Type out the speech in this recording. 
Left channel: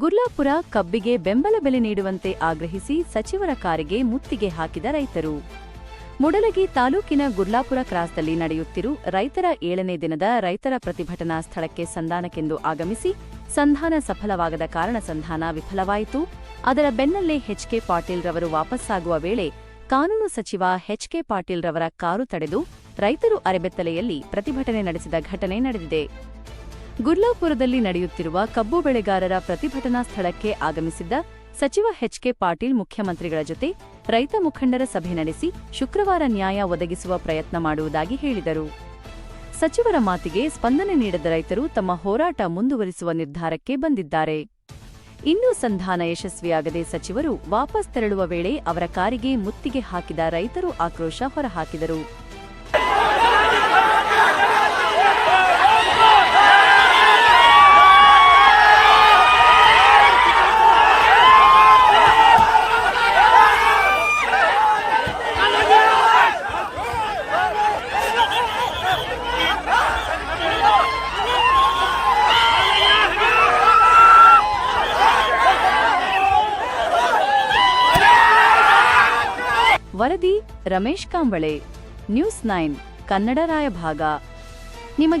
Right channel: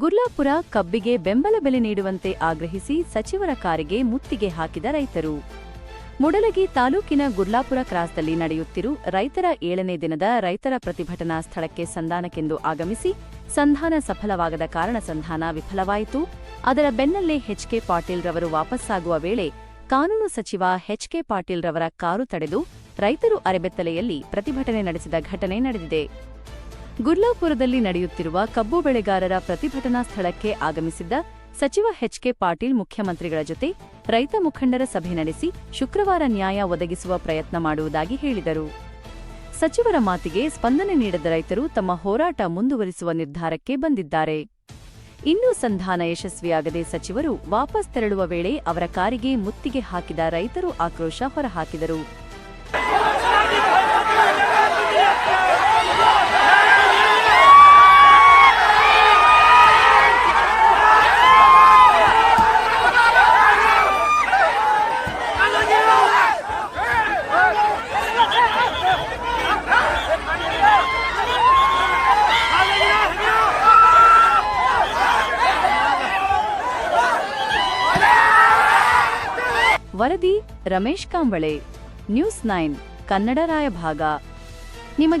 ಗುರ್ಲಾಪುರ ಕಬ್ಬಿಗೆ ಬೆಂಬಲ ಬೆಲೆ ನೀಡುವಂತೆ ಆಗ್ರಹಿಸಿ ಸಚಿವರ ಕಾರಿಗೆ ಮುತ್ತಿಗೆ ಹಾಕಿದ ರೈತರು. ಮುಡಲಗಿ ತಾಲೂಕಿನ ಗುರ್ಲಾಪುರ ಕ್ರಾಸ್ದಲ್ಲಿ ನಡೆಯುತ್ತಿರು ರೈತರ ಏಳನೇ ದಿನದ ರೈತರ ಪ್ರತಿಭಟನಾ ಸ್ಥಳಕ್ಕೆ ಸಂಧಾನಕ್ಕೆಂದು ಆಗಮಿಸಿ ಸಂಧಾನ ಸಫಲವಾಗದ ಕಾರಣ ಸಂಧಾನ ವಿಫಲವಾಯಿತು. ಅದರ ಬೆನ್ನಲ್ಲೇ ಎಚ್ಕೆ ಪಾಟೀಲ್ ರವರು ವಾಪಸ್ಸಾಗುವ ವೇಳೆ ಕಾನೂನು ಸಚಿವ ಎಚ್ಕೆ ಪಾಟೀಲ್ ರವರ ಕಾರು ತಡೆದು ರೈತರು ಅರೆಬೆತ್ತಲೆಯಲ್ಲಿ ಪ್ರತಿಭಟನೆ ನಡೆಸಿದ ಘಟನೆ ನಡೆದಿದೆ. ಗುರ್ಲಾಪುರದಲ್ಲಿ ನಡೆಯುತ್ತಿರುವ ಕಬ್ಬು ಬೆಳೆಗಾರರ ಪ್ರತಿಭಟನಾ ಸ್ಥಳಕ್ಕೆ ಆಗಮಿಸಿದ್ದ ಸಚಿವ ಎಚ್ಕೆ ಪಾಟೀಲ್ ಮುಖ್ಯಮಂತ್ರಿಗಳ ಜೊತೆ ರೈತ ಮುಖಂಡರ ಸಭೆ ನಡೆಸಿ ಶುಕ್ರವಾರ ನ್ಯಾಯ ಒದಗಿಸುವ ಪ್ರಯತ್ನ ಮಾಡುವುದಾಗಿ ಹೇಳಿದರು. ಸಚಿವರ ಮಾತಿಗೆ ಸ್ಪಂದನೆ ನೀಡದ ರೈತರು ತಮ್ಮ ಹೋರಾಟ ಮುಂದುವರಿಸುವ ನಿರ್ಧಾರಕ್ಕೆ ಬಂದಿದ್ದಾರೆ. ಇನ್ನೂ ಸಂಧಾನ ಯಶಸ್ವಿಯಾಗದೆ ಸಚಿವರು ವಾಪಸ್ ತೆರಳುವ ವೇಳೆ ಅವರ ಕಾರಿಗೆ ಮುತ್ತಿಗೆ ಹಾಕಿದ ರೈತರು ಆಕ್ರೋಶ ಹೊರಹಾಕಿದರು. ವರದಿ ರಮೇಶ್ ಕಾಂಬಳೆ ನ್ಯೂಸ್ ನೈನ್ ಕನ್ನಡ ರಾಯಭಾಗ. ನಿಮಗೆ